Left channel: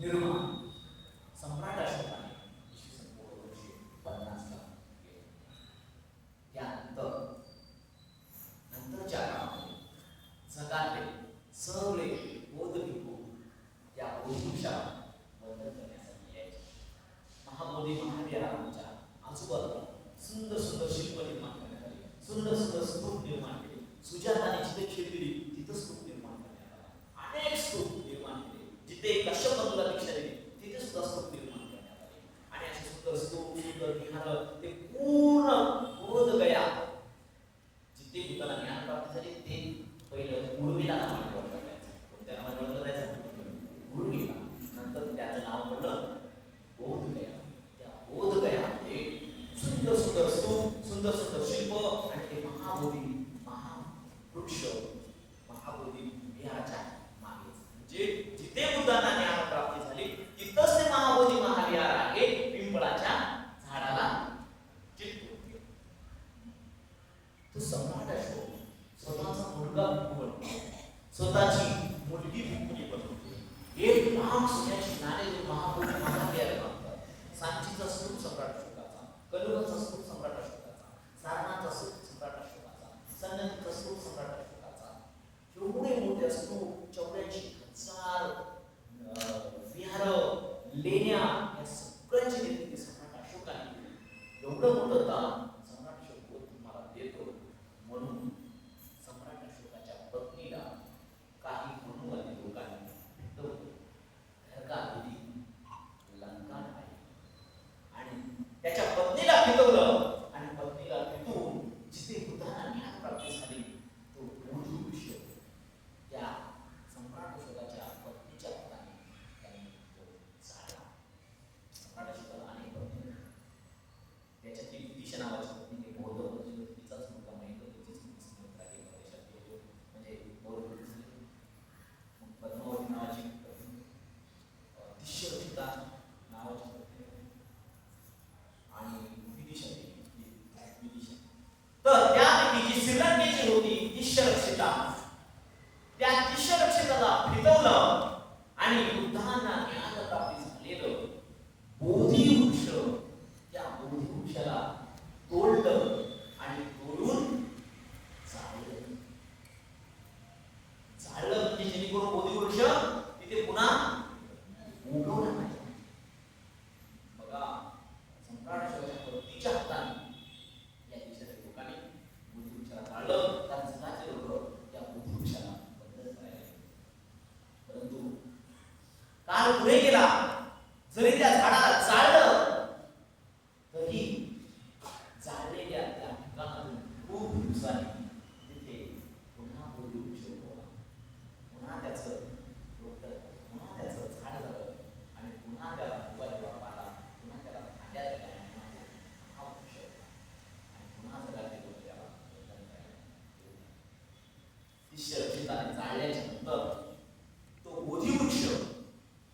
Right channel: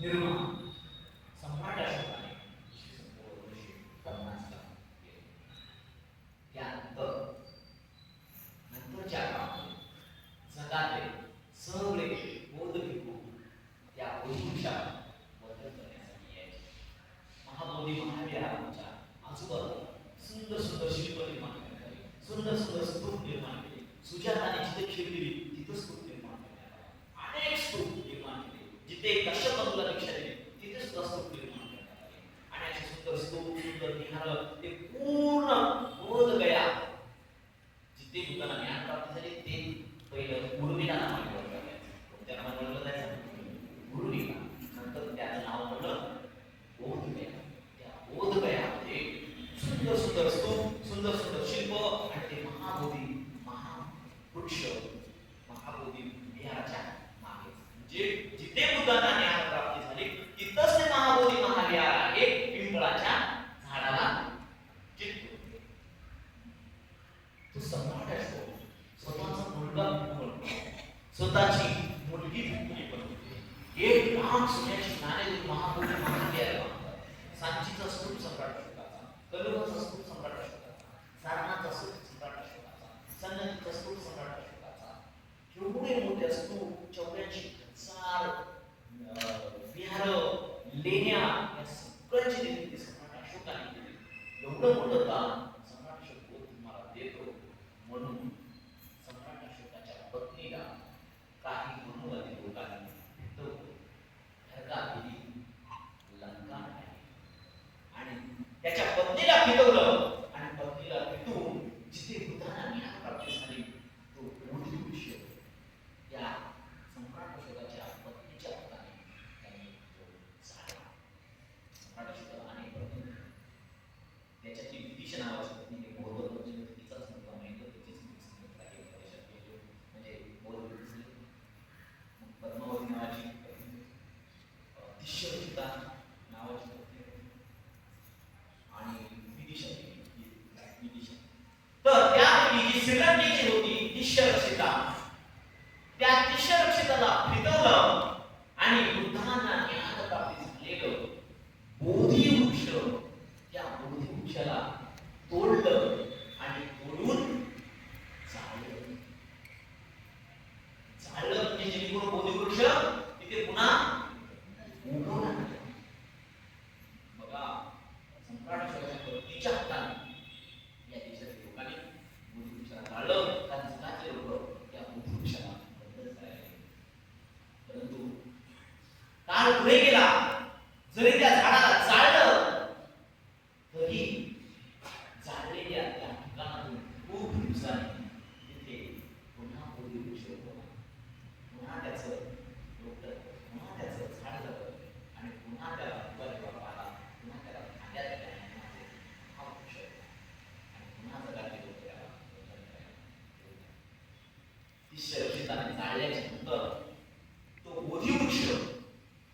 निर्माण सम्राट अशोकाने 1950 केले. त्यानंतर नंतरच्या काळामध्ये जगातले सगळे बौद्ध भिक्खू त्या बोधिवृक्षाला वंदन करण्यासाठी यायचे. महाबोधी महाविहाराच्या आजूबाजूला सुंदर सुंदर शिल्प निर्माण करण्यात आली, सुंदर सुंदर स्तूप निर्माण केले. सुजाताने जिथे खेळली तिथं स्तूप निर्माण करण्यात आला. अनेक स्तूप निर्माण केले. जिथे कश्यप बंधूला दीक्षा दिली तिथे सुद्धा स्तूप निर्माण करण्यात आले. आणि असे सुंदर स्तूप, सुंदर विहार ते पूर्ण बोध गया जिथे बुद्धांना ज्ञान प्राप्त झाले ते पहिलं गुरुलीला नावाने ओळखलं त्या नावाने ओळखलं जायचं गुरुलीला. नंतर त्याचं नाव पडलं बोध गया. त्या बोध गयामध्ये सुंदर सुंदर स्तूप, सुंदर सुंदर शिल्प आणि ते महाबोधी महावृक्ष महाबोधी विहाराच्या मागे म्हणजे जिथे बुद्धांना ज्ञान प्राप्ती झाली तिथंच ते महाबोधी महाविहार आहे. पिंपळाच्या झाडाला चिकटून तो सम्राट असतो. स्वतःचा मुलगा भिक्खू, स्वतःची मुलगी भिक्खुनी बनवते. एक लाख सोन्याची नाणे महाबोधी महाविहार बांधतात. सांचीचा स्तूप सम्राट अशोकाचा, कलुबाचा स्तूप सम्राट अशोकाचा, सारनाथचा स्तूप सम्राट अशोकाचा, सन्नतीचा स्तूप सम्राट अशोकाचा. एवढे मोठे स्तूप, 84,000 विहार, लेण्या या सगळ्यांची निर्मिती सम्राट अशोकाने केली. एवढं मोठं दान सम्राट अशोक तुम्हाला देतो म्हणून सम्राट अशोकाच्या पत्नीला काही मनुवादी लोकांनी भेटवलं. नरका दिली, लंका नाही. आणि त्याच्या पत्नीला फिरवलं आणि पत्नीला फिरवून जिथे बुद्धांना ज्ञान प्राप्ती झाली तो बोधिवृक्ष त्या सम्राट अशोकाच्या पत्नीच्या हाताने त्यांनी तो झाला. सम्राट अशोकाला अनेक पत्नी, त्याच्यातली विदिशा नावाची पत्नी बौद्ध तिचाच मुलगा महेंद्र, तिचीच मुलगी देशात गेलो म्हणजे बौद्ध. मग पद्मावती नावाची पत्नी, दिश्यवसिता नावाची पत्नी आणि विदिशा. तर त्यापैकी जी श्रीलंकेची होती दिश्यरक्षिता, त्या दिश्यरक्षिताला फिरवलं आणि बुद्धांना ज्ञान प्राप्ती झालेलं बोधिवृक्ष, त्या बोधिवृक्षाला तोडलं आणि तोडून जाळलं. जाळलं म्हणजे जेणेकरून बोधिवृक्ष तिथे पुन्हा उगवणार नाही. बघा, सम्राट अशोकाच्या पत्नीच्या हाताने या देशातील लोकांनी बोधिवृक्षाला जाळलं. कारण जगाचे लोक त्या बोधिवृक्षाला वंदन करायला. परंतु काळ पुढे गेला, जरी त्या झाडाला जाळलं तरी जाळलेल्या त्या ठिकाणातून खूप दिवसांनी तिथे पुन्हा बोधिवृक्ष उगवला. पुन्हा त्याचं रोपटं, पुन्हा त्याचं झाड झालं आणि पुन्हा त्याला फुगा देवा आला. पुन्हा त्याला फांद्या दिल्या हा वृक्ष आणि पुन्हा जगातले लोक त्याला वंदन करायला. दिश्यरक्षिताने जाळल्याच्या नंतर तो बोधिवृक्ष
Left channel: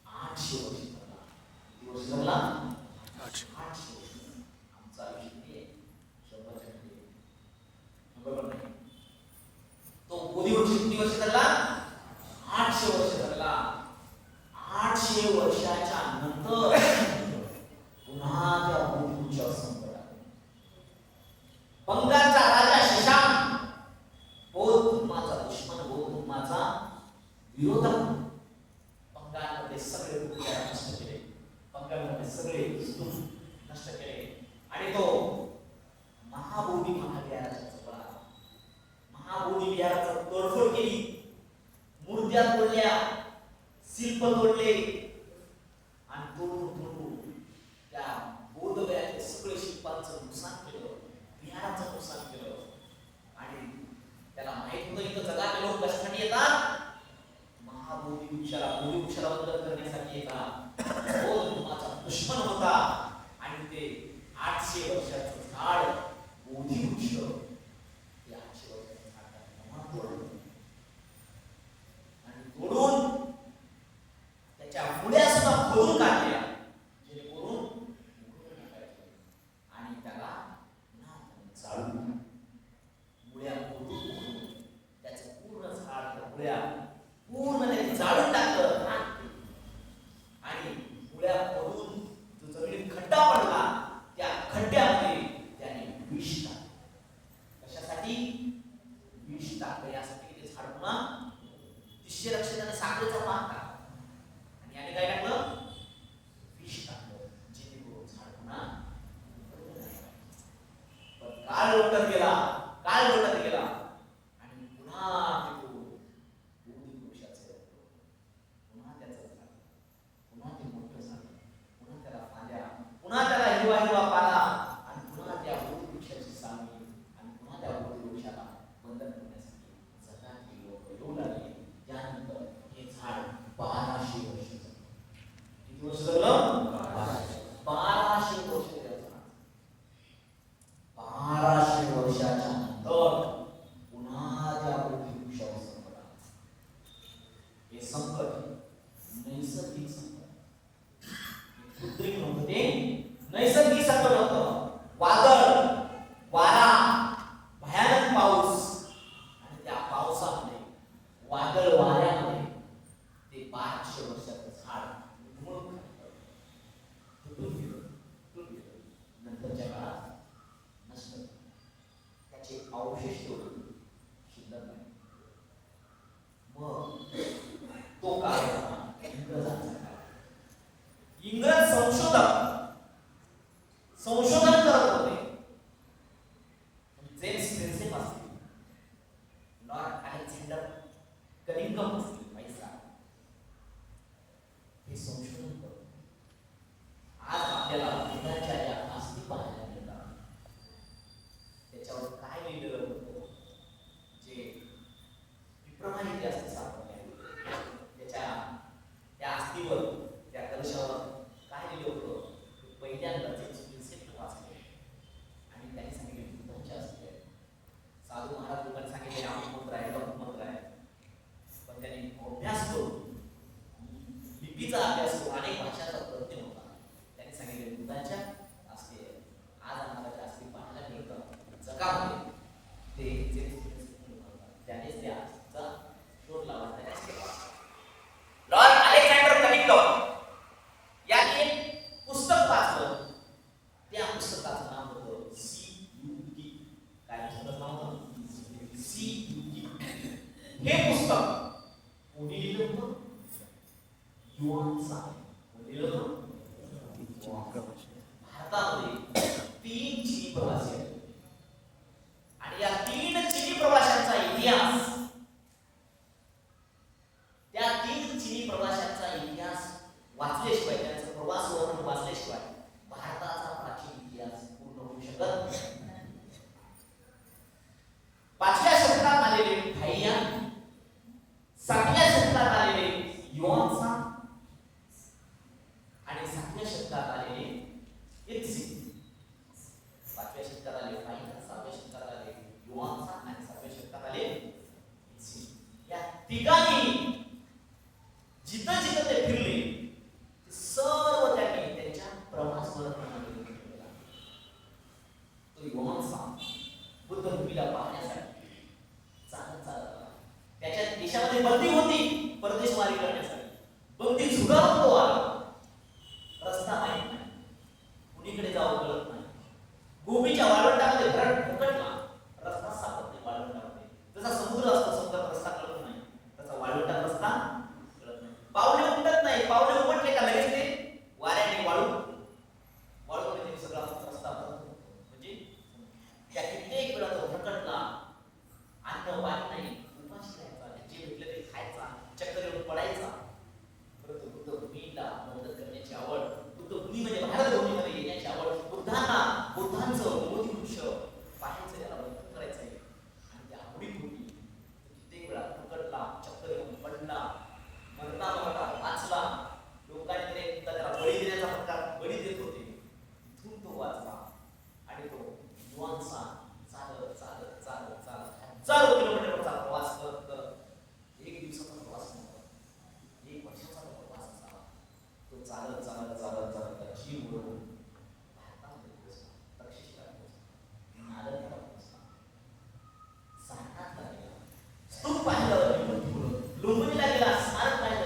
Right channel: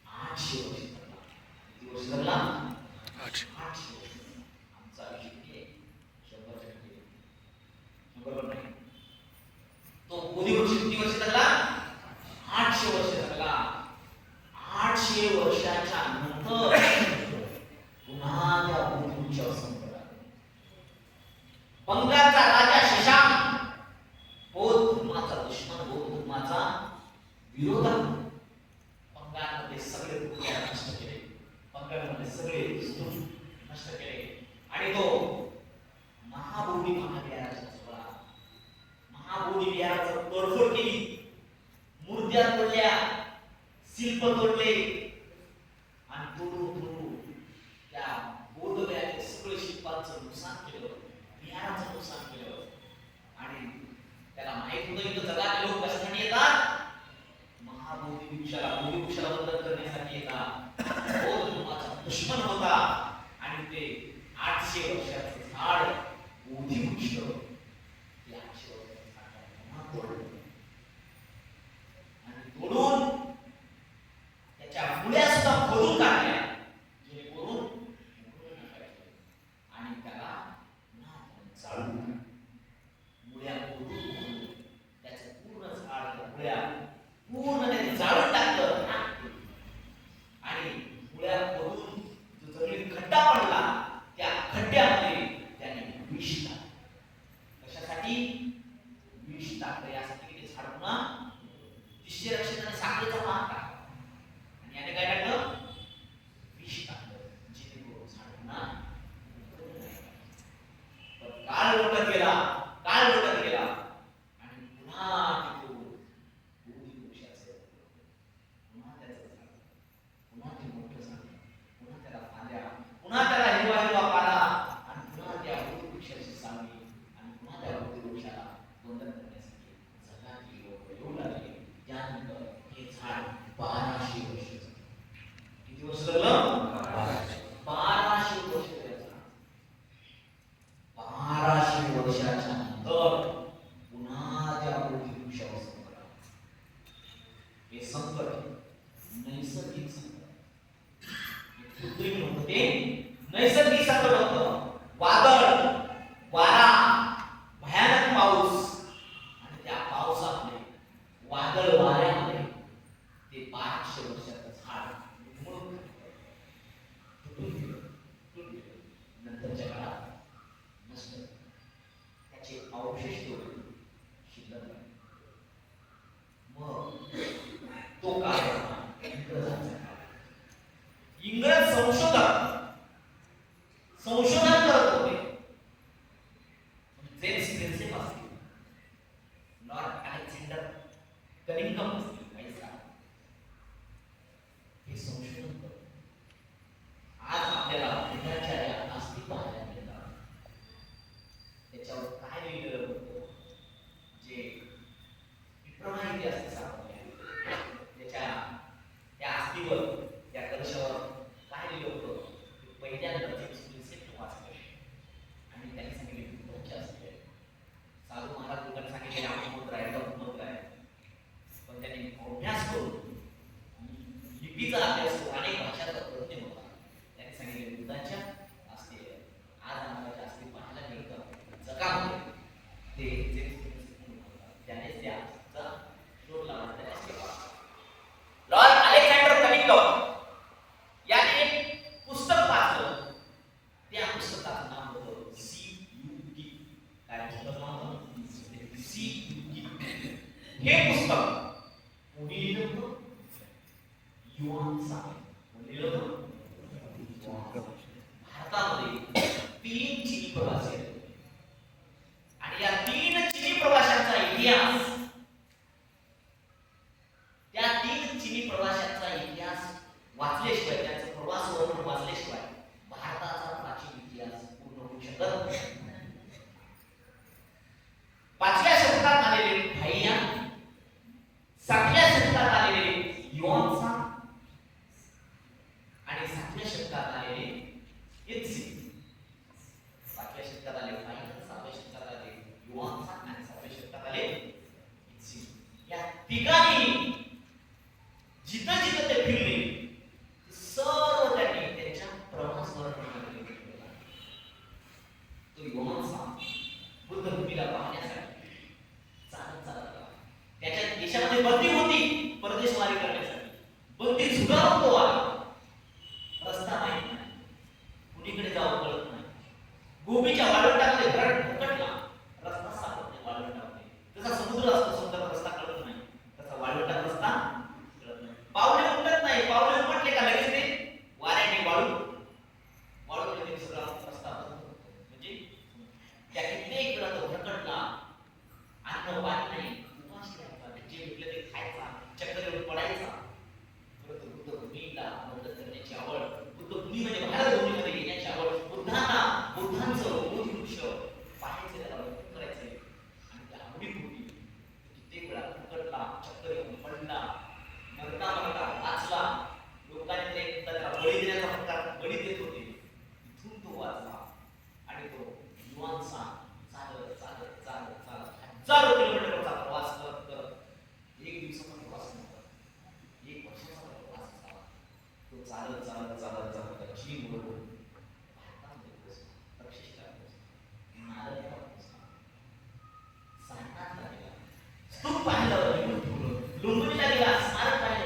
800 वर्ष जगला. किती वर्ष जगला? 800 वर्ष. आमचा आयुष्य किती आहे? 100 टक्के. 100 पण नाही. तो बोधिवृक्ष किती वर्ष जगला? 800 वर्ष जगला. 800 वर्षाच्या नंतर पुन्हा त्या बोधिवृक्षावर संकट आलं. बंगालचा राजा शशांक बौद्ध धर्माचा दुश्मन, बौद्ध धर्माचा विरोधक, बंगालमध्ये सगळे बुद्ध नष्ट केले. बंगालमध्ये सगळे स्तूप नष्ट केले आणि तो महाबोधी महाविहाराच्या जवळ आला. महाबोधी विहाराचं तोडफोड केली, मूर्त्या तोडल्या, शिल्प तोडले आणि तोडून त्या बौद्ध गयाचे सगळे शिल्पांचं नुकसान केलं, विहाराचं नुकसान केलं. आणि त्याला माहित होतं की जगात लोक कशासाठी येतात? महाबोधिवृक्षाला, बोधिवृक्षाला वंदन करण्यासाठी येतात. बौद्ध धर्माचा दुश्मन होता आणि ते 800 वर्षाचं झाड बोधिवृक्ष ते 800 वर्षाचं झाड तोडलं आणि तोडून त्याच्या मुळ्या सुद्धा खोदून काढल्या जेणेकरून आणि त्याला जाळून मुळ्या खोदून त्याचं पूर्ण झाड मुळ्या पूर्ण जाळून टाकलं. नैसर्गिक संकट. कृत्रिम नव्हतं ते, नैसर्गिक संकट होतं. वादळ, वारा, भयानक पाऊस, आणि त्या पावसामध्ये, वादळ वाऱ्यामध्ये ते 500 वर्षाचं झाड उन्मळून तुटून गेलं. नंतरच्या काळात नष्ट, त्याचे अवशेष शिल्लक नाही. मग तो काळ होता इंग्रजांचा काळ. इंग्रज संशोधन करत होते. जेम्स प्रिन्सेप असतील, लॉर्ड अलेक्झांडर कलिंगम असतील, हे संशोधन करत. आज आपल्याला बुद्धाच्या या अस्थी पाहायला मिळतात. त्याच्यावर काय लिहिलेलं होतं, जे विप्रमाण इतिहास सापडले. त्या अस्थीवर, त्या कलशावर काय लिहिलं होतं, पहिल्यांदा जेम्स प्रिन्सेप वाचले आणि त्यांनी सांगितले बुद्धाच्या अस्थी आहे. साधू महाराज लोकांनी सांगितले अमुक आहे, तमुक आहे, पण त्यांनी अभ्यास करून, लिपीचा अभ्यास करून, अनेक भाषांचा प्रयत्न होता. त्यांनी सांगितले बुद्धाच्या अस्थी आहे. आज आम्हाला त्या अस्थी पाहायला मिळतं जगामध्ये. ते जेम्स प्रिन्सेप त्यानेच त्या अस्थीचा शोध लावला. लॉर्ड अलेक्झांडर कलिंगम यांनी एक पुस्तक वाचलं. त्या पुस्तकाचं नाव होतं CUT. काय पुस्तकाचं नाव होतं? CUT. हे पुस्तक कोणी लिहिलं होतं? युआन सांग. कोणी लिहिलं होतं? भारतामध्ये 3 चिनी प्रवासी आहेत आणि या 3 चिनी प्रवाशांचा इतिहास, त्या 3 चिनी प्रवाशांचा इतिहास वाचल्याशिवाय, त्यांचा प्रवास वर्णन वाचल्याशिवाय भारताचा प्राचीन इतिहास पूर्ण होऊ शकत नाही. 5व्या शतकात आलेले थाईयान, 7व्या शतकात आलेले युआन सांग आणि 7व्या शतकात आलेले इत्सी. 5व्या शतकात आले थाईयान, 7व्या शतकात आले युआन सांग आणि 7व्या शतकात आले इत्सी. या तिघांनी जिथं जिथं ते फिरले सर्व त्यांनी त्यांच्या प्रवास वर्णनामध्ये केला. तो युआन सांग बुद्धभूमीला पाहण्यासाठी चालत आला. त्याच्या देशामध्ये बंदी होती परदेशवारी करण्यासाठी. बंदी झुगारून तो आला. रस्ता माहित नाही, कुणीकडे जावं कळत नाही. गोबीच्या वाळवंटामध्ये घरात भटकला, रस्ता सापडत नाही. वाळवंटामध्ये जसा समुद्र असतो, समुद्रात रस्ता कळत नाही, तसा वाळवंटात रस्ता कळत नाही. पावले उमटत नाही. पावले उमटले का लगेच ते वाऱ्याने वाळूकडे सगळा रस्ता म्हणजे त्या कित्येक वेळा तो भटकला. अन्न पाणी नाही, उपाशी राहायचा, जे भेटलं ते खायचा, चक्कर येऊन पडायचा. परंतु बुद्धभूमीला मदत करण्याची आवड, बुद्धभूमी म्हणजे भारतभूमीमध्ये येण्याची आवड, बुद्धांचं बोधिवृक्ष पाहायचं, त्याला वर्णन करायचंय. आणि त्या आवडीपोटी कित्येक वेळा भटकला, चक्कर येऊन पडला, मरता वाचला. लोकांनी त्याला बळी देण्याचा प्रकार बळी देत होते. इथून तो वाचला आणि तो युआन सांग चालत चालत चालत चालत हजारो किलोमीटरचा प्रवास करत एक दिवसाचा प्रवास नव्हता, 1 वर्षाचा प्रवास झाला. तो चालत चालत चालत चालत चीन उडवून भारतामध्ये पोहोचला, तक्षशिला पोहोचला, नालंदा पोहोचला, सारनाथला गेला, स्तूप पाहिलं, लुंबिनीला गेला, स्मारक पाहिलं,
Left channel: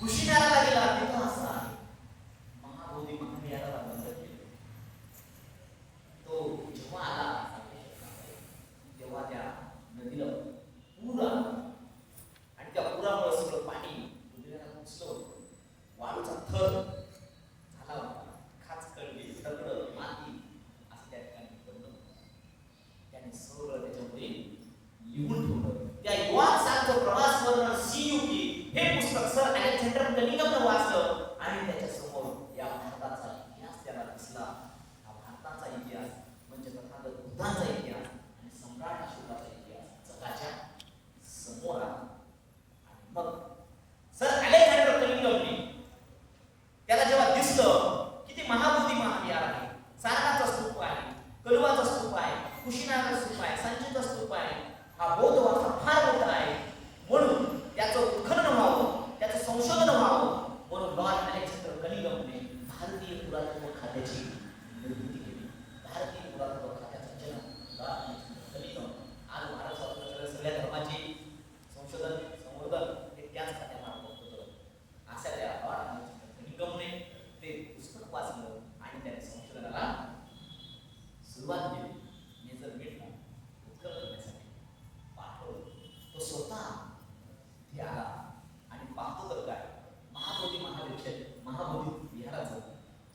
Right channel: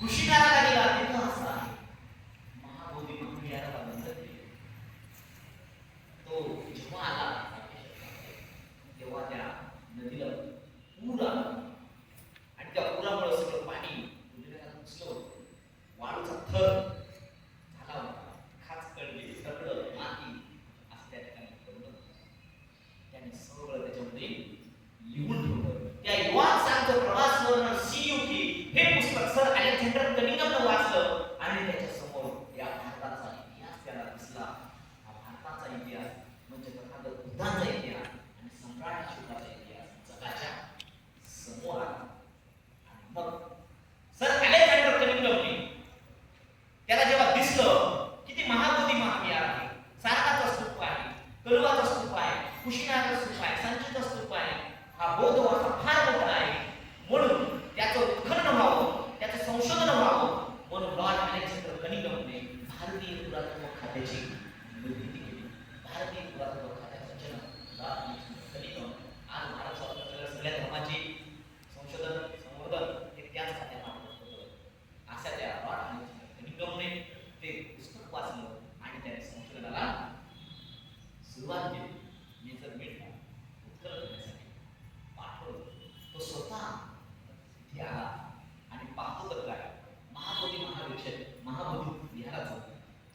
कुशीनाराला गेला, तिथं असा महाबोधी महाविहाराला बंद केले. तो जेव्हा आला तेव्हा त्या नदीला पूर आला आणि त्या पुरामुळे सगळं पाणी नदीला घुसलं होतं. वाळूचा थर झाला होता, खाच कळली, दगड, माती असं त्या ठिकाणी पडलं. त्याने सगळं त्याच्यामध्ये लिहून ठेवलं. त्या युआन सांगचं प्रवास वर्णन CUT हे पुस्तक सर अलेक्झांडर कलिंगमनं वाचलं आणि त्याच्या समोर या भारताचा इतिहास त्याला दिसला. हा भारताचा इतिहास म्हणजे तथागत बुद्धांचा इतिहास आणि सम्राट अशोकाचा इतिहास जगाच्या समोर आला. आणि मग सर अलेक्झांडर कलिंगमने त्याला जेव्हा दिसलं की ते महाबोधी महाविहार आहे, सारनाथचा स्तूप आहे, कलवाचा स्तूप आहे, कुशीनाराचा स्तूप आहे, संचीचा स्तूप आहे, हा बौद्ध वारसा फार मोठा आहे, म्हणून त्या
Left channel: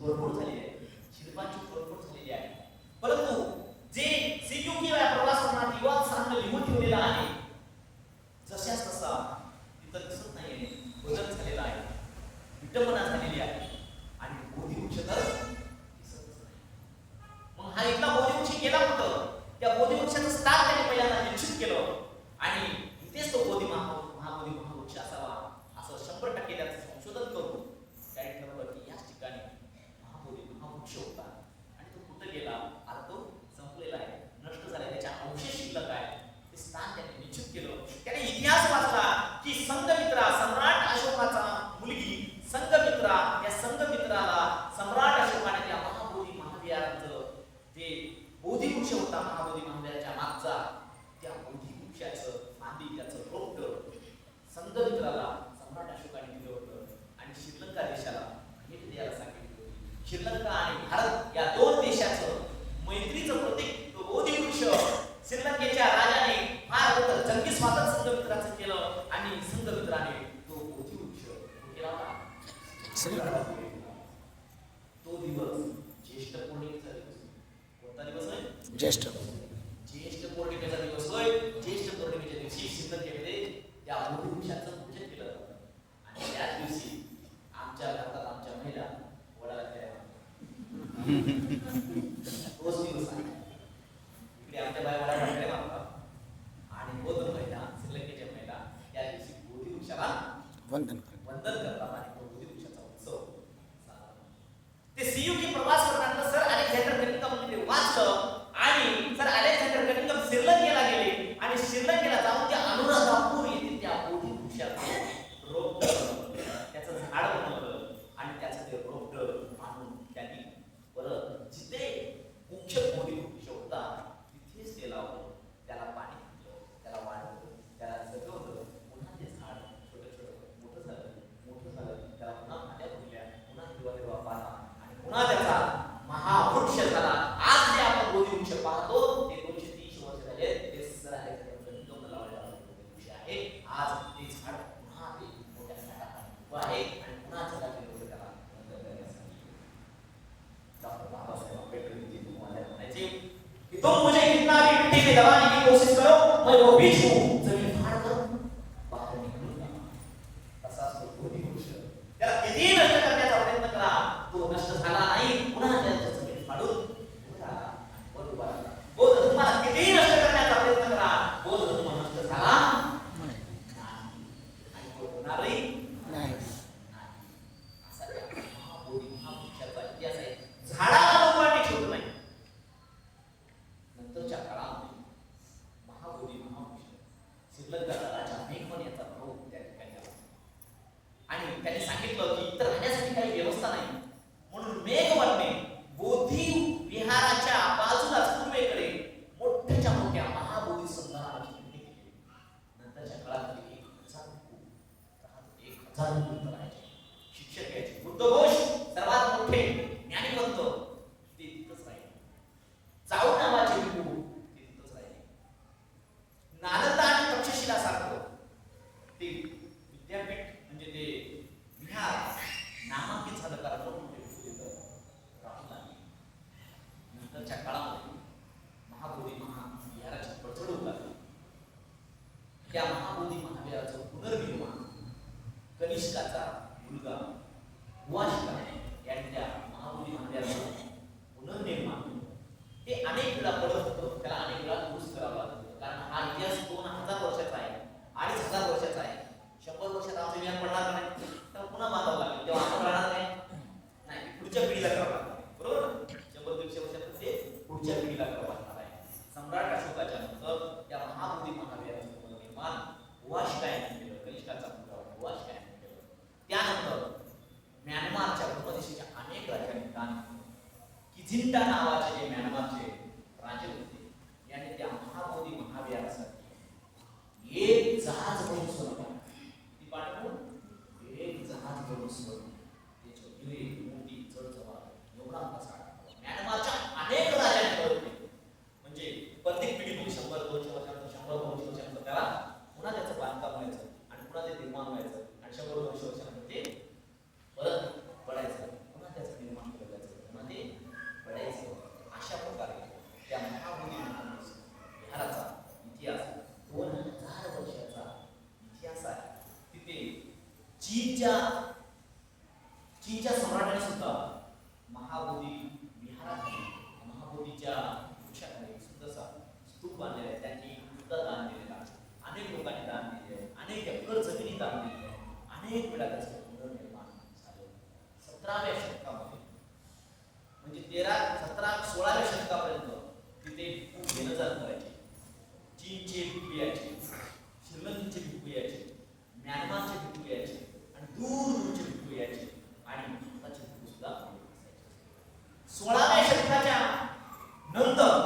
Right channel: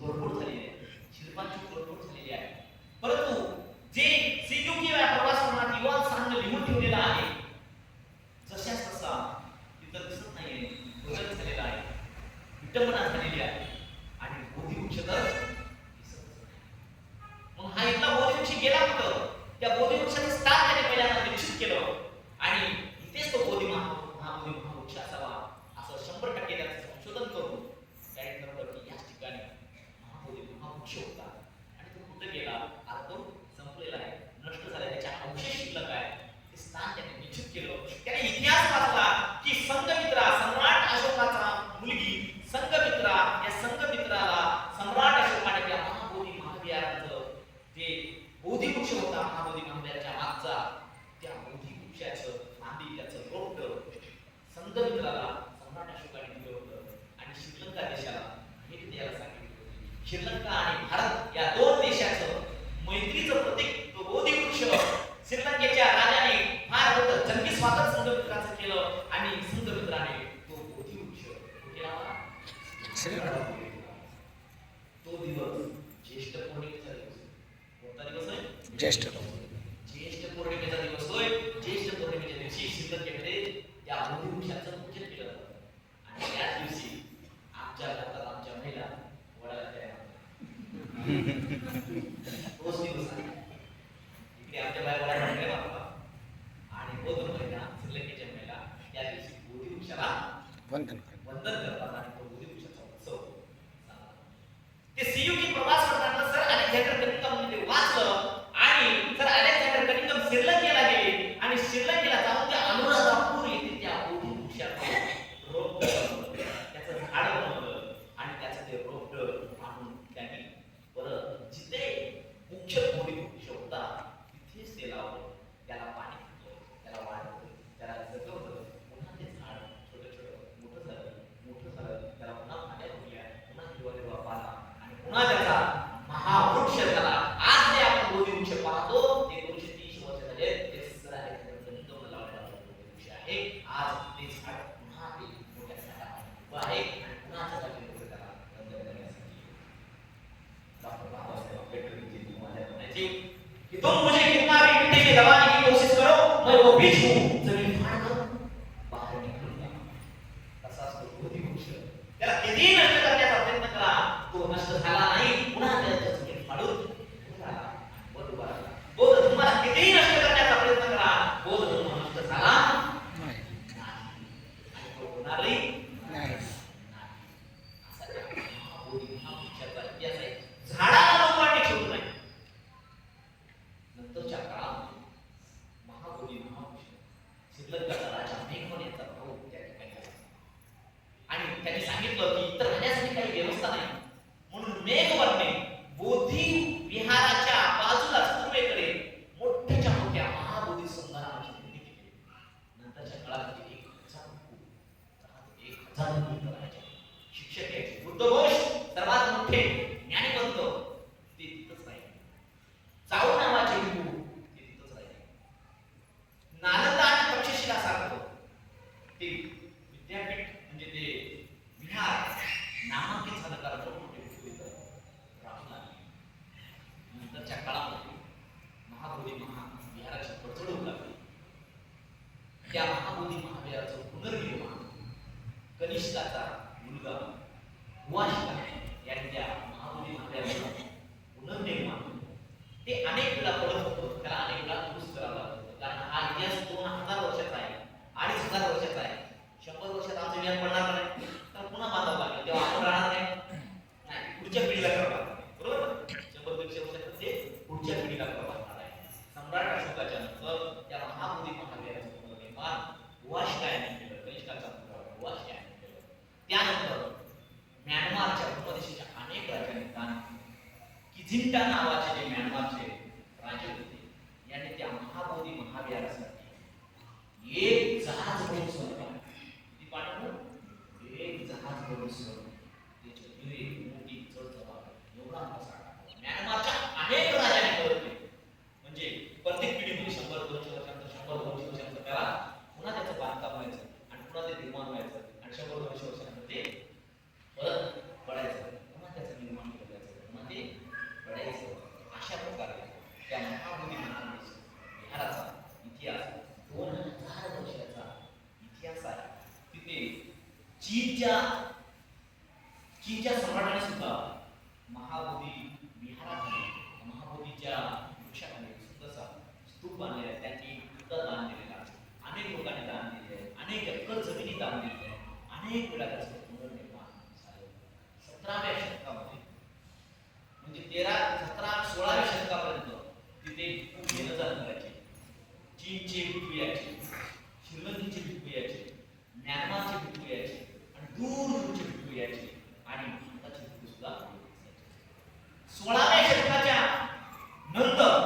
तोडफोड झालेली आहे, शिल्पांची तोडफोड झालेली आहे. परंतु जे सिक्युरिटी प्रवासात युवा सांग लिहून ठेवलेला आहे जशाच तसा तिथं दिसत नाहीये, बदल झालेला आहे, विटंबना झालेली आहे आणि बोधी वृक्ष तर दिसतच नाही. मग हा इथला बोधी वृक्ष गेला कुठं? त्या बोधी वृक्षाचं स्थान त्याने पहिल्यांदा निश्चित केलं आणि इथेच तो बोधी महाबोधी महावृक्ष असावा असं 100% त्याचं संशोधन करून काही ठरवलं की याच ठिकाणी महाबोधी महावृक्ष होता आणि तो कुठं गेला आता तो संपलेला आहे, नष्ट झाला, त्याच्या अवशेष शिल्लक आहे. ते स्थान त्याने निश्चित केलं. त्याने इतिहास वाचला की संघमित्रा सम्राट अशोकाचा मुलगी संघमित्रा, या संघमित्राला सम्राट अशोकाने त्या महाबोधी महाविहाराचं जे बोधी वृक्ष होता महाबोधी महाविहाराच्या मागचा, त्या बोधी वृक्षाचं फांदी त्याचं रोपट संघमित्राला सम्राट अशोकाने दिलं होतं आणि श्रीलंका देशाला भेट द्यायला सांगितलं. श्रीलंका आणि भारत या दोन देशाचं मैत्रीचं प्रतीक तो बोधी वृक्ष श्रीलंकेच्या राजाने फार मोठं जंगी स्वागत संघमित्राचं केलं आणि संघमित्राने तो बोधी वृक्ष केला होता. तो दिवस ज्येष्ठ पौर्णिमेचा दिवस. कोणता दिवस आहे? ज्येष्ठ पौर्णिमेचा दिवस होय. ज्येष्ठ पौर्णिमेच्या दिवशी श्रीलंकेमध्ये त्या बोधी वृक्षाचं पूजन केलं जातं आणि त्याच दिवशी आमच्या भारतात आमच्या महिला वडाला तयार तोच दिवस आहे. इकडे आमच्या बाया वडा तयार मारतात आणि बौद्ध महिला श्रीलंकेच्या महिला त्या दिवशी बोधी वृक्षाला वंदन करतात आणि तो बोधी वृक्षाचा उत्सव. ते सीयूकी प्रवास करताना सर अलेक्झांडर कनिंघम ते वाचलं आणि सर अलेक्झांडर कनिंघम श्रीलंकेला गेले आणि श्रीलंकेला जाऊन त्या अनुराधापूर येथे त्या बोधी वृक्षाचं रोपट त्याचं झाड बनवलं आणि त्याचं ते रोपट आणून त्यांनी परत जिथे मुख्य बोधी वृक्ष होता तिथेच ते लावलं, त्याला पाणी दिलं, त्याला वाढवलं, त्याला जगवलं. पुन्हा ते झाड छोटं छोटं मोठं झालं, त्याला पुन्हा फांद्या फुटल्या, पुन्हा हिरवा पाला आणि पुन्हा त्याचा महावृक्ष झाला. आज जे आपण बोधी वृक्ष पाहतो ते 230 वर्ष झाले ते सर कनिंघम लावलेला वृक्ष आहे. आज ते झाड पुन्हा ते मोठ्या झाडामध्ये उभं आहे आणि पुन्हा जगाचे लोक त्याला वंदन करण्यासाठी डॉक्टर बाबासाहेब आंबेडकर जी तुम्हाला म्हणायचे की तुम मुझे कितना भी मिट्टी में दबाने की कोशिश करो मैं वो बीज हूं जमीन फाड़ कर बाहर निकलूंगा. तसाच तो बोधी वृक्ष त्याला किती नष्ट करण्याचा प्रयत्न करा, तो नष्ट झाला नाही, पुन्हा त्याचं जमीन फाडून उभा राहिला, वर उभा राहिला. बौद्ध धर्माला कितीही नष्ट करण्याचा प्रयत्न करा, बौद्ध धर्म नष्ट झाला नाही आणि तो होणारही नाही. असा त्या महाबोधी महावृक्षाचा इतिहास आहे. झाडाला लोकांनी ठेवलं नाही. नंतरच्या काळामध्ये महाबोधी महावृक्ष श्रीलंकाचा राजा मेघवन याचा भाऊ त्या ठिकाणी आला आणि त्यांनी सांगितलं की इतर राहण्यासाठी काही व्यवस्था नाही, म्हणून मेघवनने बोधी विहाराच्या बाजूला पूर्वेकडे मोठ्याच्या मोठ्या महाबोधी संग्रामाची निर्मिती केली. नंतरच्या काळामध्ये 1000 लोक राहायचे, शिक्षक यायचे, बुद्धघोष सर्वात मोठे ज्ञानीवंत ते तिथंच राहिले, चाऊ नावाचे हिंदू ते तिथंच राहिले, नालंदा आणि तक्षशिला सारखं ते विद्यापीठ म्हणजे ते विहार नामांकित झालं कारण मोठमोठे राहू लागले. नंतरच्या काळामध्ये महाबोधी महाविहाराची प्रचंड होऊ लागली. त्या महाबोधी महाविहाराचं पुनर्निर्माण कनिष्काचा मुलगा हुआशिका यांनी त्या महाबोधी महाविहाराचं पुनर्निर्माण ते अनेक वेळा पडत होतं, त्याला अनेक वेळा दुरुस्त करावं लागतं कारण हा इतिहास 2000 वर्षाचा आहे, 2500 वर्षाचा आहे. 100 वर्षात आमचं विहार पडणार नाही तर पुन्हा बांधावं लागेल, तेव्हा आपण राहणार नाही, पुढच्या पिढीला करावं लागणार आहे, बरोबर. 100-150 वर्षात ते पुढच्या पिढीला करावं लागणार आहे. सम्राट अशोकाच्या नंतर त्या महाबोधी महाविहाराचं पुनर्निर्माण हुआशिका यांनी केलं, कनिष्काचा मुलगा हुआशिका यांनी केलं. त्यानंतर म्यानमारच्या उपदेशाच्या अनेक राजांनी दान किझिंटा नावाचे जे म्यानमारचे राजे होते यांनी त्या महाबोधी महाविहारासाठी एक जहाज बनवून सोडलं. ती पाठवून एक जहाज बनवून सोडलं. त्याचे हिरे मोती चढ एवढा मोठा म्यानमारच्या अनेक राजांनी करत म्हणजे प्रत्येक पिढीमध्ये 100-200 वर्षांतर 100-200 वर्षांतर त्याला पुन्हा त्याचं बांधकाम व्हायचं आणि पुन्हा ते निर्माण व्हायचं आणि 100-200 वर्षांतर ते परत पडायचं, पुन्हा त्याचं निर्माण केलं. चीनच्या चीनच्या सम्राटाने सुद्धा महाबोधी विहाराखाली महाबोधीच्या वृक्षाखाली सुद्धा स्तूप बांधलेले आहेत, त्यांची पुतळा दान दिलेला आहे, अनेक लोकांनी दान दिले आहे, अनेक एकर जमिनी दान दिले आहे, अनेक वेळा त्याचे पुनर्निर्माण झाले. 17व्या शतकामध्ये म्हणजे 16व्या शतकापर्यंत तिथे खूप घेणं जाणं करायचे. चीनचे भिक्खू यायचे, श्रीलंकेचे भिक्खू यायचे, म्यानमारचे भिक्खू यायचे आणि दूरचे भिक्खू यायचे आणि भारताचे भिक्खू सुद्धा. 16व्या शतकाच्या नंतर